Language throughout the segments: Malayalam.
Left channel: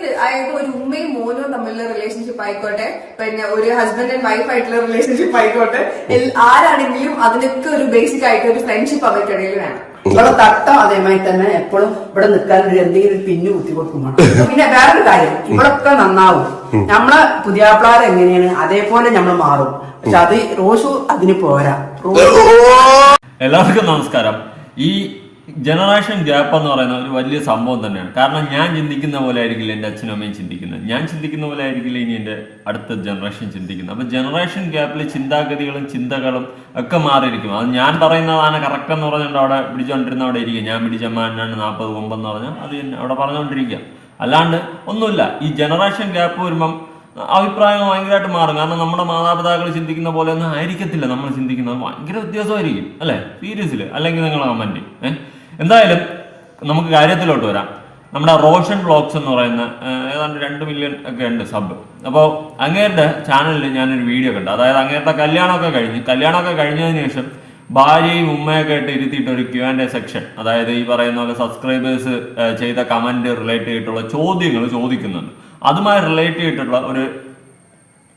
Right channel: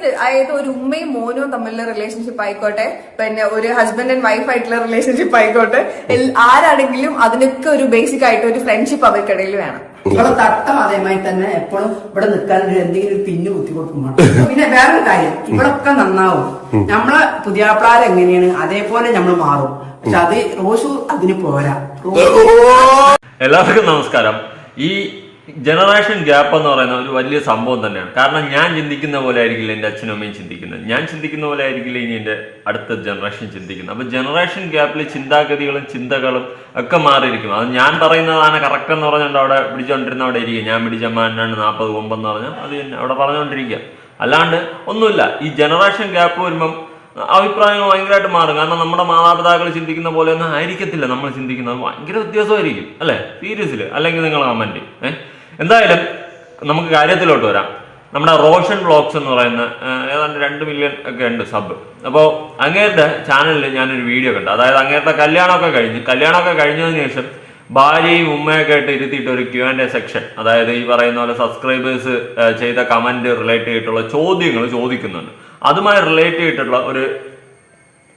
അതായത് ഒരു ഉമ്മയും മോനും തമ്മിലുള്ള റിലേഷൻഷിപ്പ് ആയിക്കോട്ടെ. പിന്നെ ഒരു ഹസ്ബൻഡ് ആൻഡ് വൈഫ് ആയിട്ടുള്ള റിലേഷൻഷിപ്പ് ആയിക്കോട്ടെ. ആരാണെങ്കിലും അതിനൊക്കെ ഒരു ബേസിക് ആയിട്ട് ഒരു ഫ്രണ്ട്ഷിപ്പ് അവർക്കിടയിൽ വേണം. ഇവിടെ തട്ട അതേമായി തന്നെ എപ്പോഴും ഇവിടെ നിൽക്കാൻ ഒരു എന്തെങ്കിലും ഒരു പിന്നു കുത്തി പിന്നെ വേറൊരു കാര്യം ഇവിടൊക്കെ നന്നാവും. നമ്മളെ പുതിയാപ്പിളാർ എങ്ങനെയാണ്? അതേപോലെ നമ്മൾ മാറും. പക്ഷെ അത് റോസു അതിന് പോരാ. എല്ലാവർക്കും നമസ്കാരം. ഈ ജനറേഷൻ ഗ്യാപ്പ് എന്ന് പറയുന്ന ഒരു വലിയ സംഭവം തന്നെയാണ്. കാരണം ഞാൻ ചിന്തിക്കുന്ന പോലെ ആയിരിക്കില്ല എന്റെ അച്ഛനും അമ്മയും ചിന്തിക്കുന്നത്. ഞാൻ ചിന്തിക്കുന്ന പോലെ ആയിരിക്കില്ല ഇനി എന്റെ അടുത്ത ജനറേഷൻ ചിന്തിക്കുന്നത്. അപ്പോൾ ജനറേഷൻ ഗ്യാപ്പിൽ ചിന്താഗതികളും ചിന്തകളും ഒക്കെ മാറിയിരിക്കും അത് ഞാൻ പറയുന്നതാണ് കറക്റ്റ് എന്ന് പറഞ്ഞുകൊണ്ട് അവിടെ പിടിച്ചുകൊണ്ടിരുന്ന അവിടെ ഇരിക്കുക. ഞാൻ പിടിച്ച മാനാണ് നാൽപ്പത് കൊമ്പെന്ന് പറഞ്ഞാൽ അത് അവിടെ പറഞ്ഞുകൊണ്ടിരിക്കുക. അല്ലാണ്ട് ഒന്നുമില്ല. ഈ ജനറേഷൻ ഗ്യാപ്പ് വരുമ്പം അഭിപ്രായങ്ങൾ ഭയങ്കരമായിട്ട് മാറും. കാരണം നമ്മുടെ മാതാപിതാക്കൾ ചിന്തിക്കുന്ന പോലെ ഒന്നും ആയിരിക്കത്തില്ല. നമ്മൾ ചിന്തിക്കുന്നത് ഭയങ്കര വ്യത്യാസമായിരിക്കും. അല്ലേ? സീരിയസിൽ അല്ലെങ്കിൽ നിങ്ങൾ കമന്റ് ഏഹ്? എന്തായാലും നമുക്ക് കാര്യത്തിലോട്ട് വരാം. നമ്മുടെ റോഷൻ വ്ളോഗ്സ് എന്ന് പറയുന്ന ഏതാണ്ട് രണ്ട് മില്യൺ ഒക്കെ ഉണ്ട് സബ് അപ്പോൾ അങ്ങേരുടെ ചാനലിൽ ഞാനൊരു വീഡിയോ കണ്ടു. അതായത് അങ്ങേരുടെ കല്യാണമൊക്കെ കഴിഞ്ഞ് കല്യാണമൊക്കെ കഴിഞ്ഞതിന് ശേഷം ഭാര്യയും ഉമ്മയൊക്കെ ആയിട്ട് ഇരുത്തിയിട്ട് ഒരു ക്യു ആൻഡ് എ സെക്ഷൻ അതായത് ഈ പറയുന്ന പോലെ സബ്സ്ക്രൈബേഴ്സ് ചെയ്ത കമന്റ് റിലേറ്റ് ചെയ്തിട്ടുള്ള ചോദ്യങ്ങൾ ചോദിക്കുന്നുണ്ട്. അതുമായി റിലേറ്റ് ചെയ്തിട്ടുള്ള ഒരു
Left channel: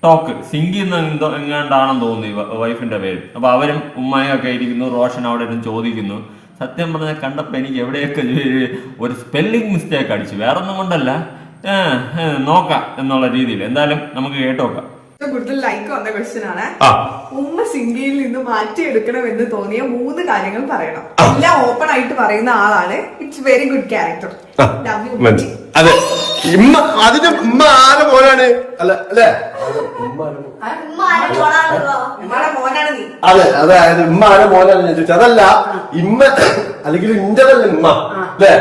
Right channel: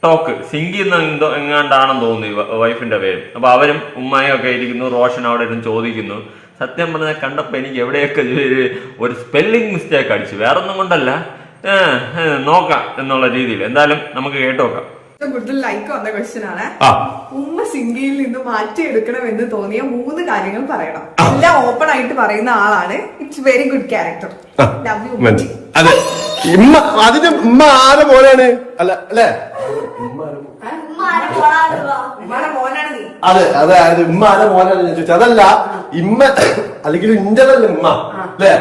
ടോക്ക് സിങ്കി എന്ന് എന്തോ എങ്ങാണ്ടാണെന്ന് തോന്നുന്നു വൈഫിന്റെ പേര്. അപ്പൊ അവരും ഉമ്മയൊക്കെ ഇരിക്കുന്നു റോഷൻ അവിടെ ഇരുന്ന് ചോദിക്കുന്നു. സത്യം പറഞ്ഞാൽ കണ്ടപ്പോൾ എനിക്ക് എവിടെയൊക്കെ ഒരു- സ്പെല്ലിംഗ് മിസ്റ്റേക്ക് അടിച്ചു. വേറൊന്നും കൊണ്ടല്ല. ഏ, ഏ, നോക്കാം എന്നുള്ള രീതിയിൽ. എന്തായാലും നമുക്ക് കേട്ടോക്കാം. നോക്കാം കൂടുതൽ ലൈക്ക് വന്ന ക്വസ്റ്റ്യൻ ആണ്. ഉമ്മ സിംഗിയിൽ നിന്ന് മാറ്റി എടുക്കണം എന്ന് തോന്നിയ മൂന്ന് കാര്യങ്ങൾ പറയണം. എല്ലാം ഓപ്പൺ ആയിട്ട് പറയുന്ന ആളാണ്. It's very good character love you അതെ. ഇമ്മ അതിന്റെ ഉമ്മ ആരെ പോലാണ് അല്ല അല്ലേ? അതെ അതെ ഉമ്മ ആരെ മോനാണ് ഞാൻ ചോദിച്ചത് അതല്ല ഇമ്മ അല്ലെങ്കിൽ ഇന്റതല്ല ഉമ്മ അല്ലേ?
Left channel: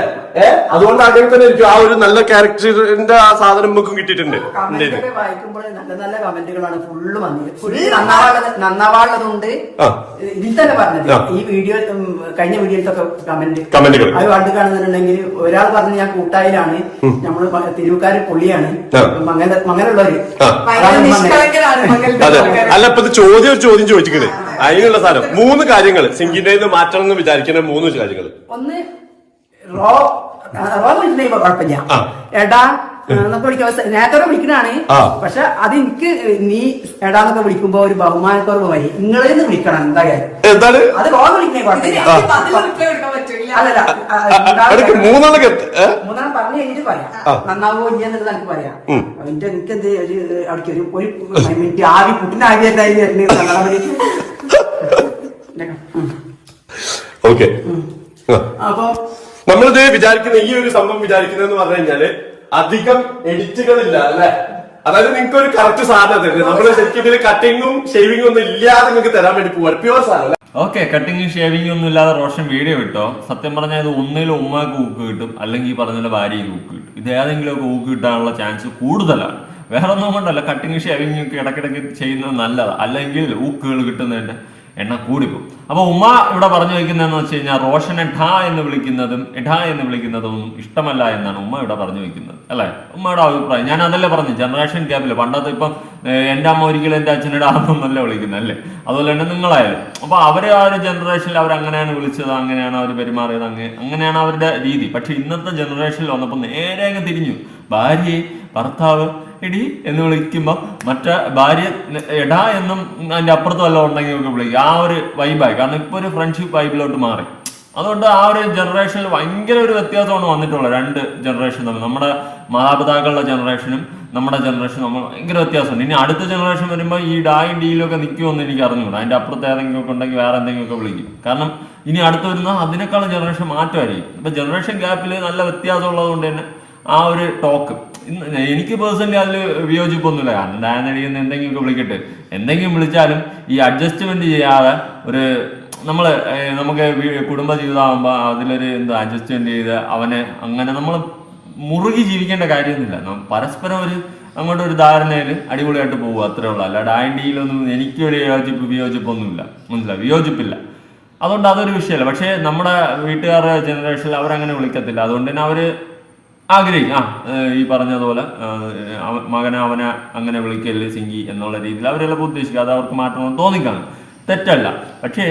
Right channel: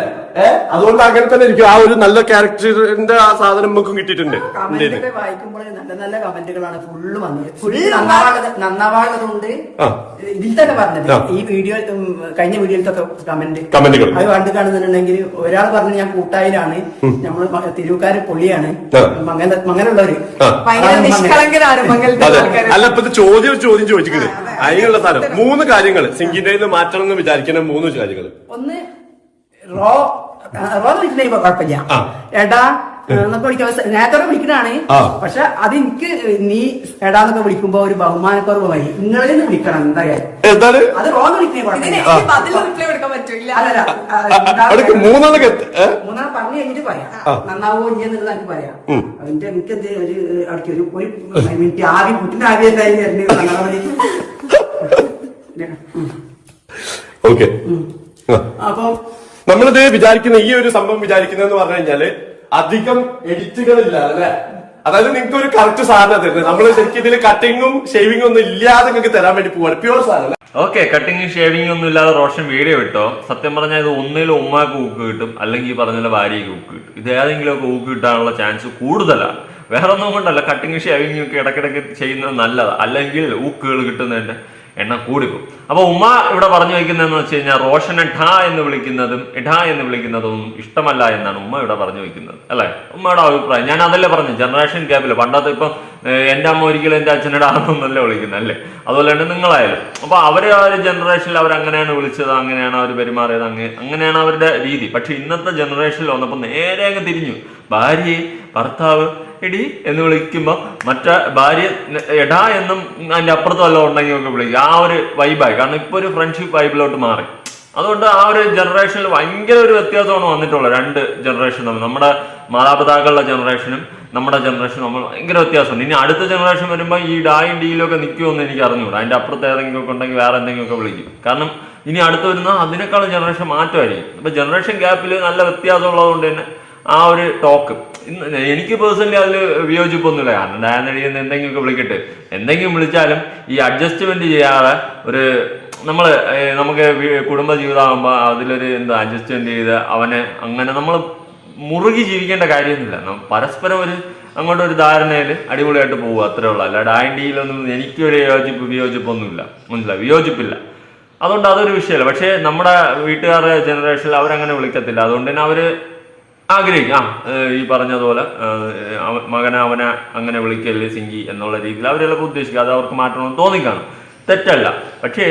അതുകൊണ്ട് അങ്ങനെ തന്നെ ഇരിക്കും ആ ഒരു നല്ല ക്യാരക്ടറിന്റെ ആ സാധനം നമുക്കും കിട്ടിയിട്ടുണ്ട്. എന്റെ കമന്റ് ഇത് ഒക്കെ വായിക്കുമ്പോൾ നല്ല നല്ല കമന്റുകളാണ് ഫുള്ള് വന്നത് ഫുള്ള് നന്നാവാളത് നന്നാവാളതുകൊണ്ട് ആ. ഇതിൽ തന്നെ പറഞ്ഞത്. ആ. ഈ വീഡിയോ ഉം, കഴിഞ്ഞ വീഡിയോയിലൊക്കെ കമന്റ് കമന്റുകൾ അത് കണ്ടു കാണുന്നുണ്ടെങ്കിൽ ഒരാൾ പറഞ്ഞു ഞാൻ കൂട്ടായിലാണ്. നമ്മൾ മ- പൊള്ളിയാണ്. ആ. മങ്ങല മങ്ങലുള്ളവര് ആ. ഭയങ്കര നിഷ്കളങ്കനാണ് മംഗലത്തെ അതെ. ആൾക്കാര്. അല്ല ഇപ്പൊ ഇത് ചോദ്യം ഒരു ചോദ്യം ചോദിക്കുന്നത് അതിനുള്ള സാധനം. മൂന്ന് കാര്യങ്ങൾ സിംഗിന്റെ മാറ്റണം എന്ന് വിചാരിക്കുന്ന മൂന്ന് കാര്യങ്ങൾ ഒന്ന് റോ റോ വിളിക്കുന്ന കുഴപ്പമില്ല. ഏട്ടാ എടാ എന്നൊക്കെ വിളിക്കാൻ നേരത്തെ വിളിക്കണാണ്. പക്ഷെ അത് എനിക്ക് നീ എടാന്നൊക്കെ വിളിക്കുമ്പോ ഒരു ബഹുമാനക്കുറവായി നിങ്ങളെന്ന് വിളിക്കണം എന്താ? എന്താണ്? അത് റോ വിളിക്കുന്ന ഇതിന് കുഴപ്പമില്ല. എനിക്ക് പതിൽ റിപ്ലൈ കൊടുക്കാൻ പറ്റില്ല അല്ലല്ല ആ, അടുക്ക് മൂന്നെണ്ണം എത്ത- ഏ? മൂന്നാം പറഞ്ഞു കഴിഞ്ഞിട്ട് പറയാം. നന്നാവോ ഇല്ലെന്നുള്ളത് എനിക്ക് പറയാം. അതിന്റെ എനിക്ക് എന്ത് അവിടേക്ക് ഒരു ഒരു മിനിറ്റ് ആദ്യം കുട്ടിന് ആദ്യം എന്തായാലും ഓക്കെ. ആ. അപ്പൊ നമ്മളിത് വിചാരിക്കുന്ന ഈ ഒരു സംഭവം വിചാരിക്കുന്നതെന്ന് പറഞ്ഞു കഴിഞ്ഞാൽ അധികം എഡിറ്റുകളില്ല അല്ലെ? അതായത് നിങ്ങൾക്ക് ഒരു കറക്റ്റ് സാധനം തരുന്നത്. നമ്മൾ ശരിക്കും ഇതിൽ കട്ടിങ്ങും ഷേവിങ്ങും ഒന്നും ഇല്ലാതെ നിങ്ങൾക്ക് തരാൻ വേണ്ടി പോവാണ്. പ്യുവർ സാധനം? ഓക്കെ കട്ടിങ്ങും ഷേവിങ്ങും ഒന്നും ഇല്ലാതെ റോഷൻ വീഡിയോ ഇട്ടോ സത്യം പറഞ്ഞാൽ ഇത് ഒന്നിലും ഉമ്മാക്ക് ഊക്ക് കിട്ടും അല്ലെങ്കിൽ പറഞ്ഞ ഭാര്യയ്ക്ക് ഊക്ക് കിട്ടും. ഇത് ഏതെങ്കിലും ഒക്കെ ഊക്ക് കിട്ടാനുള്ള ചാൻസ് കൂടുതലാണ്. വേറെ ഒന്നും കൊണ്ടല്ല കട്ടിങ് ഷേവിംഗും ഒക്കെ ഇടയ്ക്കിടയ്ക്ക് ചെയ്യുന്നത് നല്ലതാണ് അല്ലെങ്കിൽ ഊക്കുകൾ കിട്ടുന്നതിന്റെ എണ്ണം കൂടിപ്പോകും. അപ്പൊ ഉമ്മ ഇവിടെ പറഞ്ഞു വയ്ക്കുന്നതെന്ന് വെച്ച് കഴിഞ്ഞാൽ റോഷനെ ഠ എന്ന് വിളിക്കുന്നതും ഇഠാ എന്ന് വിളിക്കുന്നതും ഇഷ്ടമല്ല എന്നാണ് ഉമ്മ ഇവിടെ പറഞ്ഞു വയ്ക്കുന്നത്. അല്ലേ? ഉമ്മയുടെ അഭിപ്രായം. ഞാൻ അതല്ലേ പറഞ്ഞു ജനറേഷൻ ഗ്യാപ്പിൽ പണ്ടത്തെ ഇപ്പം എന്റെ അമ്മ ഒരിക്കലും എന്റെ അച്ഛനോട് ആണെന്നല്ല വിളിക്കുന്നത് അല്ലേ? അതുപോലെ തന്നെ നിങ്ങളായാലും. അപ്പൊ അവർ ആ ഒരു ജനറേഷനിൽ അവർ അങ്ങനെയാണ് വിളിച്ചത് അങ്ങനെയാണ് അവർ പെരുമാറിയത് അങ്ങ് അങ്ങനെയാണ് അവരുടെ രീതി. പക്ഷെ ഇന്നത്തെ ജനറേഷനിൽ വന്നപ്പോൾ നേരെ അങ്ങ് തിരിഞ്ഞു. ഭാര്യയെ ഭർത്താവ് എടി എന്ന് വിളിക്കുമ്പോൾ മറ്റേ ഭാര്യ എടാ എന്നും അതിന്റെ അപ്പുറത്ത് വല്ലതും ഉണ്ടെങ്കിൽ ഒക്കെ വിളിക്കും. ആ ഒരു വൈബായി കാരണം ഇപ്പൊ ഒരു ഫ്രണ്ട്ഷിപ്പ് വൈബിലോട്ട് മാറി. അതുകൊണ്ട് ആ ഒരു ജനറേഷനിൽ ഭയങ്കര ഒരു വ്യത്യാസമാണ് വന്നിട്ടുള്ളത്. രണ്ട് ജനറേഷൻ തമ്മിൽ. നമ്മുടെ മാതാപിതാക്കളുടെ ജനറേഷനും നമ്മുടെ ജനറേഷൻ നമ്മൾ ഭയങ്കര വ്യത്യാസമുണ്ട്. ഇനി അടുത്ത ജനറേഷൻ വരുമ്പോൾ ഈ ഡായും ഡിയിലൊക്കെ നിൽക്കുമെന്ന് എനിക്ക് അറിഞ്ഞുകൂടാ. അതിന്റെ അപ്പുറത്ത് ഏതെങ്കിലും ഒക്കെ ഉണ്ടെങ്കിൽ വേറെ എന്തെങ്കിലും ഒക്കെ വിളിക്കും. കാരണം ഇനി അടുത്ത് വരുന്ന അതിനേക്കാളും ജനറേഷൻ മാറ്റമായിരിക്കും. അപ്പോൾ ജനറേഷൻ ഗ്യാപ്പിൽ നല്ല വ്യത്യാസം ഉള്ളതുകൊണ്ട് തന്നെ ആ ഒരു ടോക്ക് എനിക്ക് പേഴ്സണലി അതിൽ വിയോജിപ്പൊന്നുമില്ല. കാരണം ഡാനടിയെന്ന് എന്തെങ്കിലുമൊക്കെ വിളിക്കട്ടെ. എന്തെങ്കിലും വിളിച്ചാലും ഈ അഡ്ജസ്റ്റ്മെന്റ് ചെയ്യാതെ ഒരു നമ്മൾ നമുക്ക് കുടുംബ ജീവിതമാകുമ്പോൾ അതിലൊരു എന്താ അഡ്ജസ്റ്റ്മെന്റ് ചെയ്ത് അവനെ അങ്ങനെ നമ്മൾ മുറുകി ജീവിക്കേണ്ട കാര്യമൊന്നുമില്ല. പരസ്പരം ഒരു അങ്ങോട്ട് ഒരു ധാരണയിൽ അടിപൊളിയായിട്ട് പോകുക അത്രേ ഉള്ളൂ. അല്ല ഡാൻഡിയിലൊന്നും എനിക്കൊരു യോജിപ്പ് വിയോജിപ്പൊന്നുമില്ല. മനസ്സിലായി? വിയോജിപ്പില്ല. അതുകൊണ്ട് അതൊരു വിഷയമല്ല. പക്ഷേ നമ്മുടെ വീട്ടുകാരുടെ ജനറേഷനിൽ അവരങ്ങനെ വിളിക്കത്തില്ല. അതുകൊണ്ട് തന്നെ അവർ ആഗ്രഹിക്കും. ആ ഈ പറഞ്ഞതുപോലെ മകനെ അവനെ അങ്ങനെ വിളിക്കല്ലേ സിങ്കി എന്നുള്ള രീതിയിൽ അവരെല്ലാം ഉദ്ദേശിക്കുക അത് അവർക്ക് മാറ്റണമെന്ന് തോന്നിക്കാണ്. തെറ്റല്ല. പക്ഷേ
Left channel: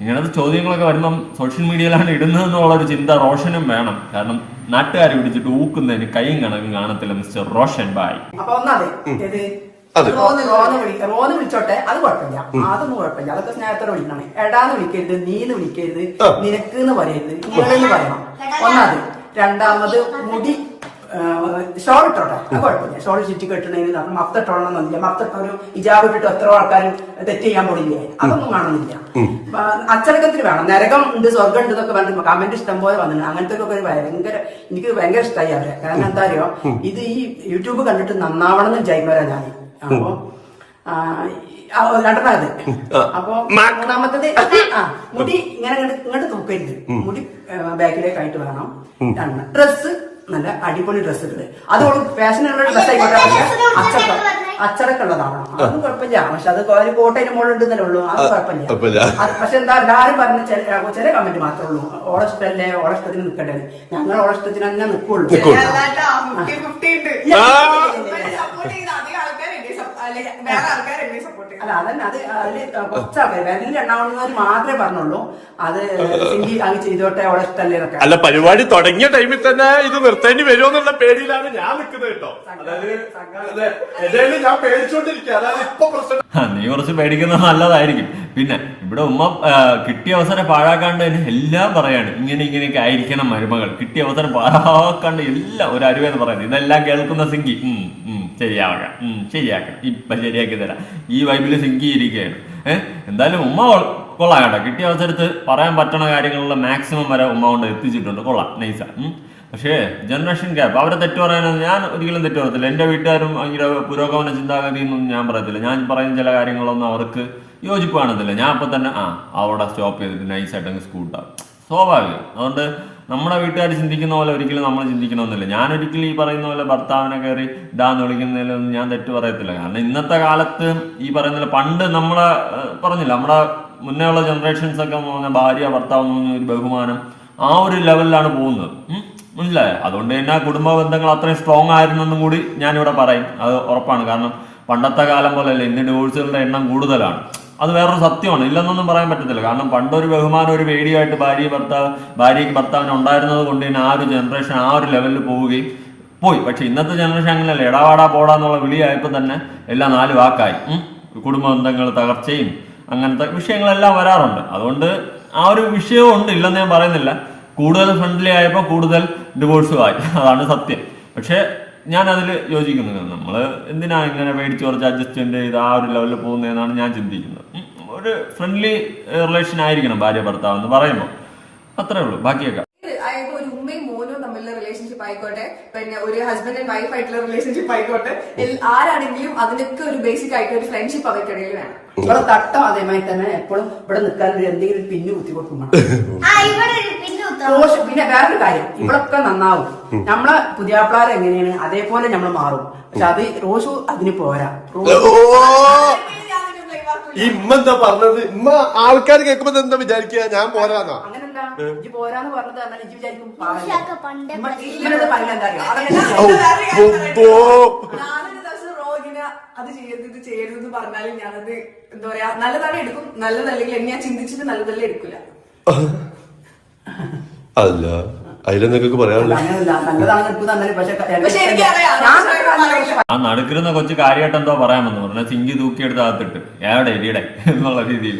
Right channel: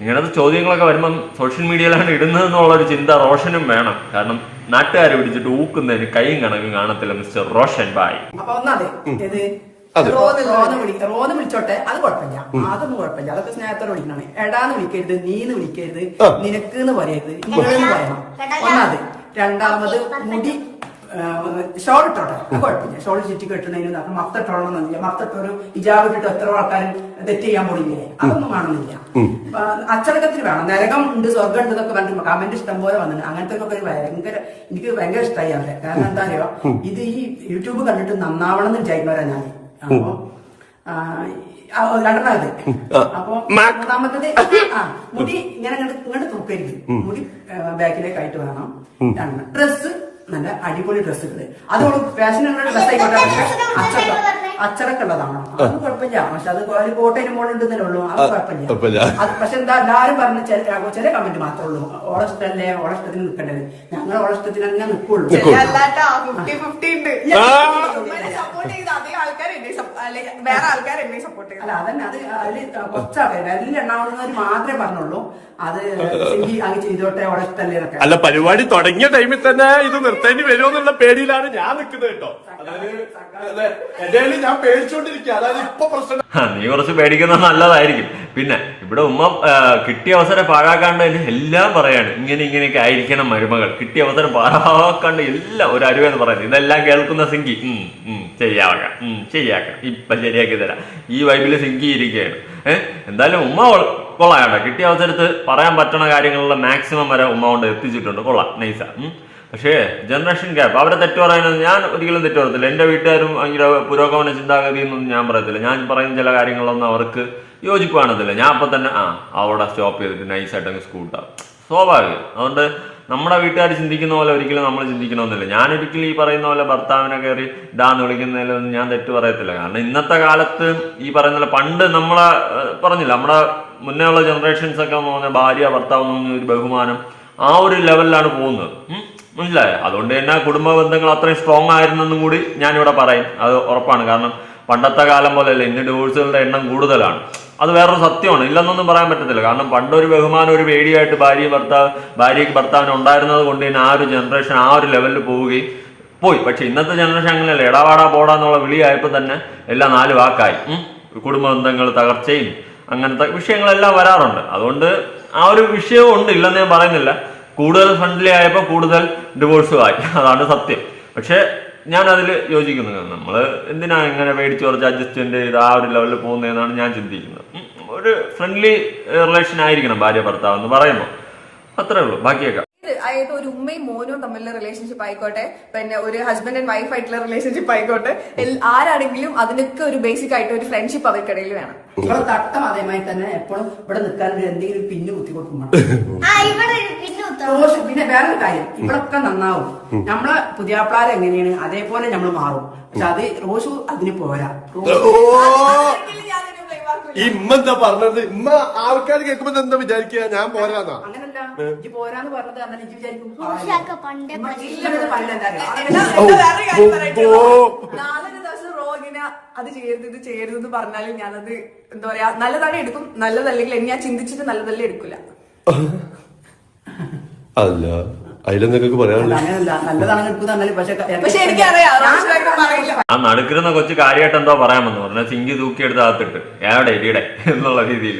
ഇങ്ങനത്തെ ചോദ്യങ്ങളൊക്കെ വരുമ്പം സോഷ്യൽ മീഡിയയിലാണ് ഇടുന്നത് എന്നുള്ളൊരു ചിന്ത റോഷനും വേണം. കാരണം നാട്ടുകാരെ പിടിച്ചിട്ട് ഊക്കുന്നതിന് കൈയും കണക്കും കാണത്തില്ല മിസ്റ്റർ റോഷൻ ബായ്. അപ്പൊ ഒന്നാതെ. റോന്ന് റോന്ന് വിളി വിളിച്ചോട്ടെ. അത് കുഴപ്പമില്ല. അതൊന്നും കുഴപ്പമില്ല. അതൊക്കെ സ്നേഹത്തോടെ വിളിക്കണം എടാന്ന് വിളിക്കരുത് നീന്ന് വിളിക്കരുത് നിനക്ക് എന്ന് പറയരുത്. നിങ്ങളെന്ന് പറയണം. ഒന്നാത് രണ്ടാമത് മുടി ഷോൾ ഇട്ടോട്ടെ. കുഴപ്പമില്ല. ഷോൾ ചുറ്റി കെട്ടണതിന് നമുക്ക് മഫ്ത എന്നില്ല മഫ്ത ഇട്ടൊരു ഇജാബ് ഇട്ടിട്ട് എത്ര ആൾക്കാരും തെറ്റ് ചെയ്യാൻ പോണില്ലേ? അതൊന്നും കാണുന്നില്ല. അച്ചടക്കത്തിന് വേണം. നരകം ഉണ്ട് സ്വർഗം ഉണ്ട് എന്നൊക്കെ പറഞ്ഞിട്ട് കമന്റ് ഇഷ്ടം പോലെ വന്നിട്ടുണ്ട്. അങ്ങനത്തെ ഒക്കെ ഒരു ഭയങ്കര എനിക്ക് ഭയങ്കര ഇഷ്ടമായി അവരെ. കാരണം എന്താ അറിയോ? ഇത് ഈ യൂട്യൂബ് കണ്ടിട്ട് നന്നാവണം എന്ന് വിചാരിക്കുന്നവരാ ഞാൻ അപ്പൊ രണ്ടാമത് അപ്പൊ മൂന്നാമത്തത് മുടി ഇങ്ങനെ ഇങ്ങോട്ട് തൂക്കരുത്. മുടി ബാക്കിലേക്ക് ആയിട്ട് വേണം. ഡ്രസ്സ് നല്ല അടിപൊളി ഡ്രസ്സ് ഇട്ടത്. അത് ഫാഷനുള്ള ഡ്രസ് അച്ചടക്ക അച്ചടക്കുള്ളതാണ് അത് കുഴപ്പമില്ല. പക്ഷെ അത് ഒരു കോട്ടയിന് മുകളിലുണ്ടെന്നല്ലേ ഉള്ളൂ. അത് കുഴപ്പമില്ല. അത് പക്ഷെ എന്താ എല്ലാരും പറഞ്ഞ ചില ചില കമന്റ് മാത്രമേ ഉള്ളൂ. ഓളഷ്ടല്ലേ ഓളഷ്ടത്തിന് നിൽക്കട്ടെ ഞങ്ങൾ ഓളഷ്ടത്തിന് തന്നെ നിൽക്കുള്ളൂ അല്ല അതന്നെ. അത് വിരലിൽ എണ്ണാവുന്നവർ മാത്രമേ പറഞ്ഞുള്ളൂ. അത് സിംഗി അത് ചെയ്തോട്ടെ അവളെ ഇഷ്ടമല്ലേ അല്ല പരിപാടി തുടങ്ങിയ ടൈമിൽ തന്നെ ഇത് നിർത്തേണ്ടി വരുമോ എന്നുള്ള പേടിയിലാണ് ഞാൻ നിൽക്കുന്നത് കേട്ടോ. അതായത് അതെ, എന്തായാലും ഞാൻ പേടിച്ചോണ്ടിരിക്കുക അതായത് നീ കുറച്ച് പേടിക്കുന്നത് നല്ലതായിരിക്കും. പിന്നെ ഇവിടെ ഉമ്മ കിട്ടിയ അവസരം പാഴാക്കാണ്ട് എല്ലാം പറയാണ്. ഇങ്ങനെ ഇങ്ങനെയൊക്കെ ആയിരിക്കണം മരുമകൾ. കിട്ടിയ അവസരം പാഴാക്കാണ്ട് എല്ലാം ഒരു അരുവെന്ന് പറയുന്നത് ഇതെല്ലാം കേൾക്കുന്ന സിങ്കി ഉം, ശരിയാക്കണം. ഇപ്പൊ ശരിയാക്കി തരാം. ഈ വൈബിൽ സിങ്കി ഇരിക്കുകയാണ് ഏഹ് എന്തായാലും ഉമ്മ കൊള്ളാം കേട്ടോ. കിട്ടിയ അവസരത്ത് പറയാൻ പറ്റണ കാര്യങ്ങളുള്ള മാക്സിമം വരെ ഉമ്മ കൊണ്ട് എത്തിച്ചിട്ടുണ്ട്. കൊള്ളാം. നൈസ. പക്ഷേ ജനറേഷൻ ഗ്യാപ്പ് അവരെ തെറ്റ് പറയുന്നത് ഞാൻ ഒരിക്കലും തെറ്റ് പറയത്തില്ല. എന്റെ വീട്ടുകാരും ഭയങ്കര പുരോഗമന ചിന്താഗതി എന്നൊന്നും ഞാൻ പറയത്തില്ല. ഞാൻ പറയുന്ന ചില കാര്യങ്ങളൊന്നും അവർക്ക് യോജിപ്പ് കാണത്തില്ല ഞാൻ അപ്പം തന്നെ ആ അവിടെ സ്റ്റോപ്പ് ചെയ്തിട്ട് നൈസായിട്ട് അങ്ങ് സ്കൂട്ടാവും സ്വാഭാവികം. അതുകൊണ്ട് നമ്മുടെ വീട്ടുകാർ ചിന്തിക്കുന്ന പോലെ ഒരിക്കലും നമ്മൾ ചിന്തിക്കണമെന്നില്ല. ഞാൻ ഒരിക്കലും ഈ പറയുന്ന പോലെ ഭർത്താവിനെ കയറി ഇതാന്ന് വിളിക്കുന്നതിലൊന്നും ഞാൻ തെറ്റ് പറയത്തില്ല. കാരണം ഇന്നത്തെ കാലത്ത് ഈ പറയുന്ന പണ്ട് നമ്മളെ പറഞ്ഞില്ല നമ്മുടെ മുന്നേ ഉള്ള ജനറേഷൻസ് ഒക്കെ എന്ന് പറഞ്ഞാൽ ഭാര്യ ഭർത്താവ് എന്ന് പറഞ്ഞ ഒരു ബഹുമാനം ആ ഒരു ലെവലിലാണ് പോകുന്നത്. മനസ്സിലായോ അതുകൊണ്ട് തന്നെ കുടുംബ ബന്ധങ്ങൾ അത്രയും സ്ട്രോങ് ആയിരുന്നെന്നും കൂടി ഞാനിവിടെ പറയും. അത് ഉറപ്പാണ്. കാരണം പണ്ടത്തെ കാലം പോലെയല്ല ഇന്ന് ഡിവോഴ്സുകളുടെ എണ്ണം കൂടുതലാണ്. അത് വേറൊരു സത്യമാണ്. ഇല്ലെന്നൊന്നും പറയാൻ പറ്റത്തില്ല. കാരണം പണ്ടൊരു ബഹുമാനം ഒരു പേടിയായിട്ട് ഭാര്യ ഭർത്താവ് ഭാര്യയ്ക്ക് ഭർത്താവിന് ഉണ്ടായിരുന്നത് കൊണ്ട് തന്നെ ആ ഒരു ജനറേഷൻ ആ ഒരു ലെവലിൽ പോവുകയും പോയി. പക്ഷെ ഇന്നത്തെ ജനറേഷൻ അങ്ങനെയല്ല. എടാവാടാ പോടാന്നുള്ള വിളിയായപ്പോൾ തന്നെ എല്ലാം നാല് വാക്കായി. കുടുംബ ബന്ധങ്ങൾ തകർച്ചയും അങ്ങനത്തെ വിഷയങ്ങളെല്ലാം വരാറുണ്ട്. അതുകൊണ്ട് ആ ഒരു വിഷയവും ഉണ്ട്. ഇല്ലെന്ന് ഞാൻ പറയുന്നില്ല. കൂടുതൽ ഫ്രണ്ട്ലി ആയപ്പോൾ കൂടുതൽ ഡിവോഴ്സും ആയി. അതാണ് സത്യം. പക്ഷേ ഞാൻ അതിൽ യോജിക്കുന്നു നമ്മൾ എന്തിനാ ഇങ്ങനെ പേടിച്ച് കുറച്ച് അഡ്ജസ്റ്റ്മെന്റ് ചെയ്ത് ആ ഒരു ലെവലിൽ പോകുന്നതെന്നാണ് ഞാൻ ചിന്തിക്കുന്നത്. ഒരു ഫ്രണ്ട്ലി റിലേഷൻ ആയിരിക്കണം ഭാര്യ ഭർത്താവ് എന്ന് പറയുമ്പോൾ അത്രേ ഉള്ളൂ. ബാക്കിയൊക്കെ. അതായത് ഒരു ഉമ്മയും മോനും തമ്മിലുള്ള റിലേഷൻഷിപ്പ് ആയിക്കോട്ടെ പിന്നെ ഒരു ഹസ്ബൻഡ് ആൻഡ് വൈഫ് ആയിട്ടുള്ള റിലേഷൻഷിപ്പ് ആയിക്കോട്ടെ ആരാണെങ്കിലും അതിനൊക്കെ ഒരു ബേസിക് ആയിട്ട് ഒരു ഫ്രണ്ട്ഷിപ്പ് അവർക്കിടയിൽ വേണം. ഇവിടെ തട്ടം അതേമായി തന്നെ എപ്പോഴും ഇവിടെ നിൽക്കാൻ ഒരു എന്തെങ്കിലും ഒരു പിന്നു കുത്തി കൊടുക്കും ആ ഇവിടെ ഒരു പിന്നെ പിന്നെ വേറൊരു കാര്യം. ഇവിടൊക്കെ നന്നാവും. നമ്മളെ പുതിയാപ്പിളാർ എങ്ങനെയാണ്? അതേപോലെ നമ്മൾ മാറും. പക്ഷെ അത് റോഷു അതിന് പോരാ. ഇമ്മ എന്താ പറഞ്ഞത്? ഇമ്മ ആൾക്കാർ കേൾക്കുമ്പോ എന്താ വിചാരിക്കുക? ഞാൻ പോരാന്നാ. അങ്ങനല്ല. ഇത് പോരാന്ന് പറഞ്ഞത് എന്നാൽ ഇജ്ജ് വിചാരിക്കും ഉഷാക്ക പണ്ടേ പറയുന്നത് എന്താ അറിയോ? ദിവസം റോഗിന് അത് ചെയ്യരുത് ഇത് ചെയ്യരുത് എന്ന് പറഞ്ഞാൽ ഞാനത് എന്താ പറയാ നല്ലതാണ് എടുക്കും. നല്ലതല്ലെങ്കിൽ ഞാൻ ചിന്തിച്ചിട്ട് നല്ലതല്ലേ എടുക്കില്ല. അല്ല. അതിലെന്തൊക്കെ പറയാനുള്ളത് ആ നടുക്കിരുന്ന കൊച്ചു കാര്യമായിട്ട് എന്തോ പറയാമെന്ന് പറഞ്ഞ. സിങ്കി തൂക്കിയെടുത്ത് അകത്തിട്ട് ഏടെ ഇടിയുടെ? എന്നുള്ള രീതിയിൽ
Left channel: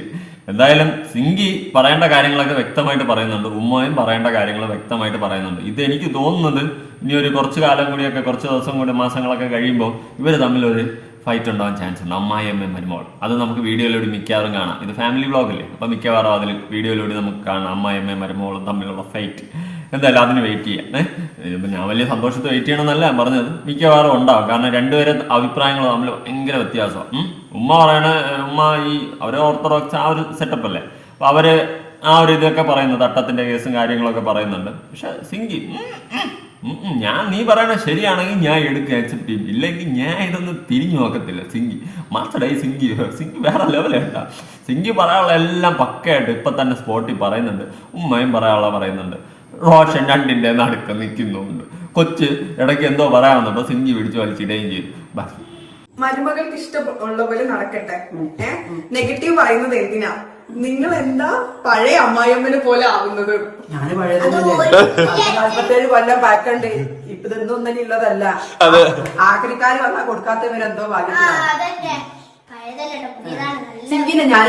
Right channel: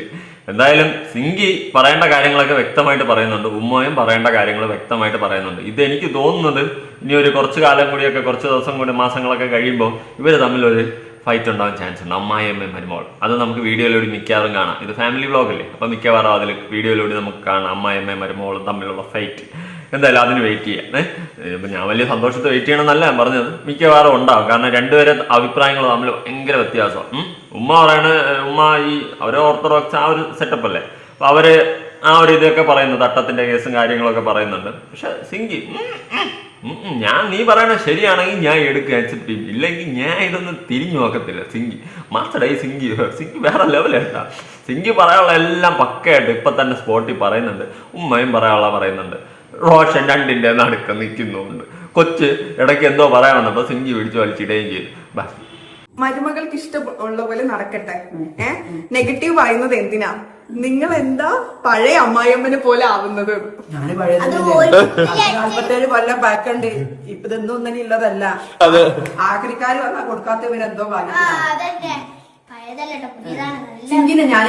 എന്തായാലും സിങ്കി പറയേണ്ട കാര്യങ്ങളൊക്കെ വ്യക്തമായിട്ട് പറയുന്നുണ്ട്. ഉമ്മയും പറയേണ്ട കാര്യങ്ങൾ വ്യക്തമായിട്ട് പറയുന്നുണ്ട്. ഇത് എനിക്ക് തോന്നുന്നത് ഇനി ഒരു കുറച്ച് കാലം കൂടിയൊക്കെ കുറച്ച് ദിവസം കൂടി മാസങ്ങളൊക്കെ കഴിയുമ്പോൾ ഇവർ തമ്മിലൊരു ഫൈറ്റ് ഉണ്ടാവാൻ ചാൻസ് ഉണ്ട്. അമ്മായി അമ്മയും മരുമോൾ. അത് നമുക്ക് വീഡിയോയിലൂടെ മിക്കവാറും കാണാം. ഇത് ഫാമിലി വ്ളോഗല്ലേ അപ്പം മിക്കവാറും അതിൽ വീഡിയോയിലൂടെ നമുക്ക് കാണാം. അമ്മായി അമ്മയും മരുമോളും തമ്മിലുള്ള ഫൈറ്റ് എന്തായാലും അതിന് വെയിറ്റ് ചെയ്യാം. ഇപ്പം ഞാൻ വലിയ സന്തോഷത്തിൽ വെയിറ്റ് ചെയ്യണമെന്നല്ല ഞാൻ പറഞ്ഞത് മിക്കവാറും ഉണ്ടാവും. കാരണം രണ്ടുപേരെ അഭിപ്രായങ്ങൾ തമ്മിൽ ഭയങ്കര വ്യത്യാസമാണ്. ഉമ്മ പറയണ ഉമ്മ ഈ അവരെ ഓർത്തഡോക്സ് ആ ഒരു സെറ്റപ്പ് അല്ലേ? അപ്പൊ അവർ ആ ഒരു ഇതൊക്കെ പറയുന്നു തട്ടത്തിന്റെ കേസും കാര്യങ്ങളൊക്കെ പറയുന്നുണ്ട്. പക്ഷെ സിങ്കി ഞാൻ നീ പറയണ ശരിയാണെങ്കിൽ ഞാൻ എടുക്കുക അക്സെപ്റ്റ് ഇല്ലെങ്കിൽ ഞാൻ ഇതൊന്നും തിരിഞ്ഞു നോക്കത്തില്ല സിങ്കി. മാസ്റ്റഡായി സിങ്കി സിങ്കി വേറെ ലെവലേട്ടാ സിങ്കി പറയാനുള്ള എല്ലാം പക്കയായിട്ട് ഇപ്പൊ തന്നെ സ്പോട്ടിൽ പറയുന്നുണ്ട് ഉമ്മയും പറയാനുള്ള പറയുന്നുണ്ട്. റോഷൻ രണ്ടിന്റെ നടുക്ക് നിൽക്കുന്നുണ്ട്. കൊച്ച് ഇടയ്ക്ക് എന്തോ പറയാൻ അപ്പൊ സിഞ്ചി പിടിച്ച് വലിച്ചിടുകയും ചെയ്തു. ബസ് മരുമകൾക്ക് ഇഷ്ടമുള്ള പോലെ നടക്കട്ടെ. ഏ? നെഗറ്റീവ് പറയുന്നത് എന്തിനാ? നിങ്ങൾ എന്താ പഴയ അമ്മായിയമ്മനെ പോലെ ആവുന്നത്? ഞാൻ നാല്പത്തേഴ് കൊല്ലം പാക്കണ്ട് ഇപ്പൊ ഇതൊന്നും ഒന്നും ഉള്ളതല്ല ആക്രിക്കാര് വന്നാ കൊടുക്കാത്തവരെന്തോ ആ സിങ്കിന് ഞാൻ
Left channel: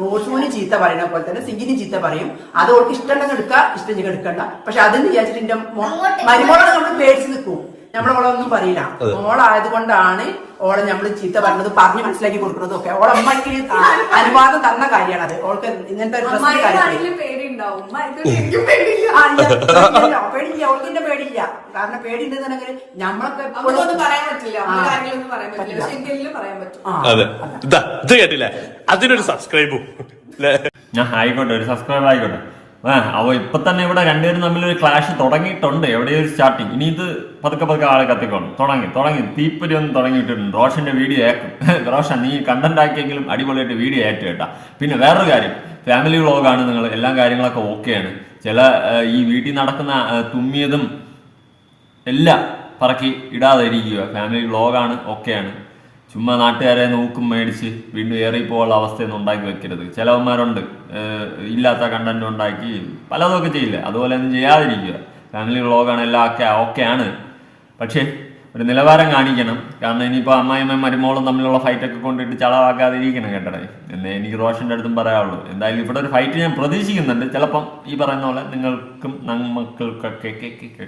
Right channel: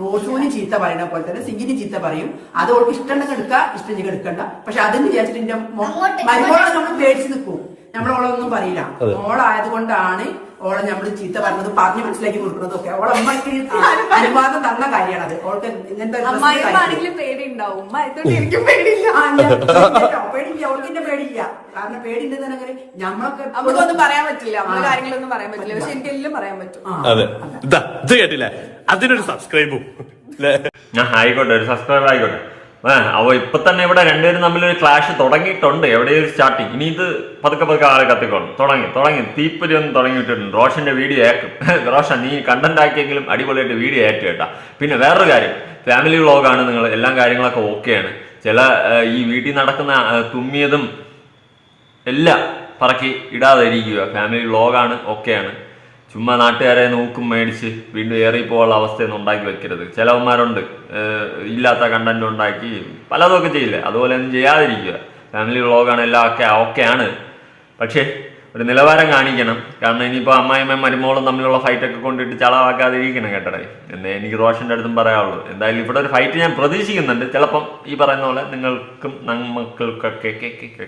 റോഷൂന് ചീത്ത പറയുന്ന പോലെ തന്നെ സിങ്കിന് ചീത്ത പറയും. അത് ഓൾക്ക് ഇഷ്ടമുണ്ടെങ്കിൽ എടുക്കാം ഇഷ്ടമില്ലെങ്കിൽ എടുക്കണ്ട. പക്ഷെ അതെന്ന് വിചാരിച്ചിട്ട് മരുമോളെ നമ്മൾ പേടിച്ച് നിൽക്കും. നമ്മളോളെ ഒന്നും പറയില്ല. ഓളായത് കൊണ്ടാണ് ഓളെ നമ്മൾ ചീത്ത പറഞ്ഞത് പറഞ്ഞ് മനസ്സിലാക്കി കൊടുക്കുന്നത് കൊടുക്കുന്നതൊക്കെ. ഓളെ അമ്മയ്ക്ക് അനുവാദം തന്ന കാര്യമാണ് അത് ഓൾക്ക് ഇങ്ങനത്തെ പേടിയില്ല. ഓൾക്കിന്റെ പേടിയില്ല. കാരണം നമ്മളൊക്കെ നമുക്കൊന്നും പറയാൻ പറ്റില്ല. കാര്യങ്ങളൊന്നും പറയാൻ പറ്റില്ല. പക്ഷെ പറയാൻ പറ്റും. അതെ. ഇതാ ഇത് കേട്ടില്ലേ? അതിനൊരു സബ്സ്ക്രൈബും ഞാൻ ആയിക്കോട്ടെ ഒരു സബ്സ്ക്രൈബർ ആയിക്കോട്ടെ. അവ ഇപ്പൊ തന്നെ ഇവിടെ രണ്ടുപേരും തമ്മിൽ ഒരു ക്ലാഷ് തുടങ്ങിയിട്ടുണ്ട്. എവിടെയോ സ്റ്റാർട്ടിങ് ഇനി ഇത് പതുക്കെ പതുക്കെ ആളെ കത്തിക്കോളും. തുടങ്ങി തുടങ്ങി. തീപ്പൊരി ഒന്ന് തുടങ്ങിയിട്ടുണ്ട് റോഷന്റെ വീഡിയോ ഏക്കും റോഷൻ നീ കണ്ടന്റ് ആക്കിയെങ്കിലും അടിപൊളിയായിട്ട് വീഡിയോ ഏറ്റു കേട്ടാ പിന്നെ വേറൊരു കാര്യം. ഫാമിലി വ്ളോഗാണ് നിങ്ങൾ എല്ലാ കാര്യങ്ങളൊക്കെ ഓക്കെയാണ് ചില ഈ വീട്ടിൽ നടക്കുന്ന തുമ്മിയതും എല്ലാം പറക്കി ഇടാതെ ഇരിക്കുക ഫാമിലി വ്ളോഗാണ് ഓക്കെയാണ് ചുമ്മാ നാട്ടുകാരെ നോക്കും മേടിച്ച് വീണ്ടും ഏറിപ്പോയുള്ള അവസ്ഥയൊന്നും ഉണ്ടാക്കി വെക്കരുത്. ചിലവന്മാരുണ്ട്. ഇല്ലാത്ത കണ്ടന്റ് ഉണ്ടാക്കി പലതൊക്കെ ചെയ്യില്ല? അതുപോലെ ഒന്നും ചെയ്യാതിരിക്കുക. ഫാമിലി വ്ളോഗാണ് എല്ലാം ഒക്കെ ഓക്കെയാണ്. പക്ഷേ ഒരു നിലവാരം കാണിക്കണം. കാരണം ഇനിയിപ്പോൾ അമ്മായിമ്മയും മരുമോളും തമ്മിലുള്ള ഫൈറ്റൊക്കെ കൊണ്ടിട്ട് ചളവാക്കാതിരിക്കണം കേട്ടടേ. എന്നേ എനിക്ക് റോഷന്റെ അടുത്തും പറയാനുള്ളൂ. എന്തായാലും ഇവിടെ ഒരു ഫൈറ്റ് ഞാൻ പ്രതീക്ഷിക്കുന്നുണ്ട്. ചിലപ്പം ഈ പറയുന്ന പോലെ നിങ്ങൾക്കും നമ്മൾക്കൊക്കെ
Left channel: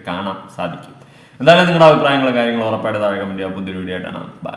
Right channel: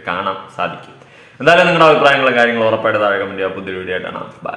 കാണാൻ സാധിക്കും. എന്തായാലും നിങ്ങളുടെ അഭിപ്രായങ്ങളും കാര്യങ്ങളും ഉറപ്പായിട്ട് താഴെ കമന്റ് ചെയ്യുക പുതിയ വീഡിയോ ആയിട്ടാണ് ബൈ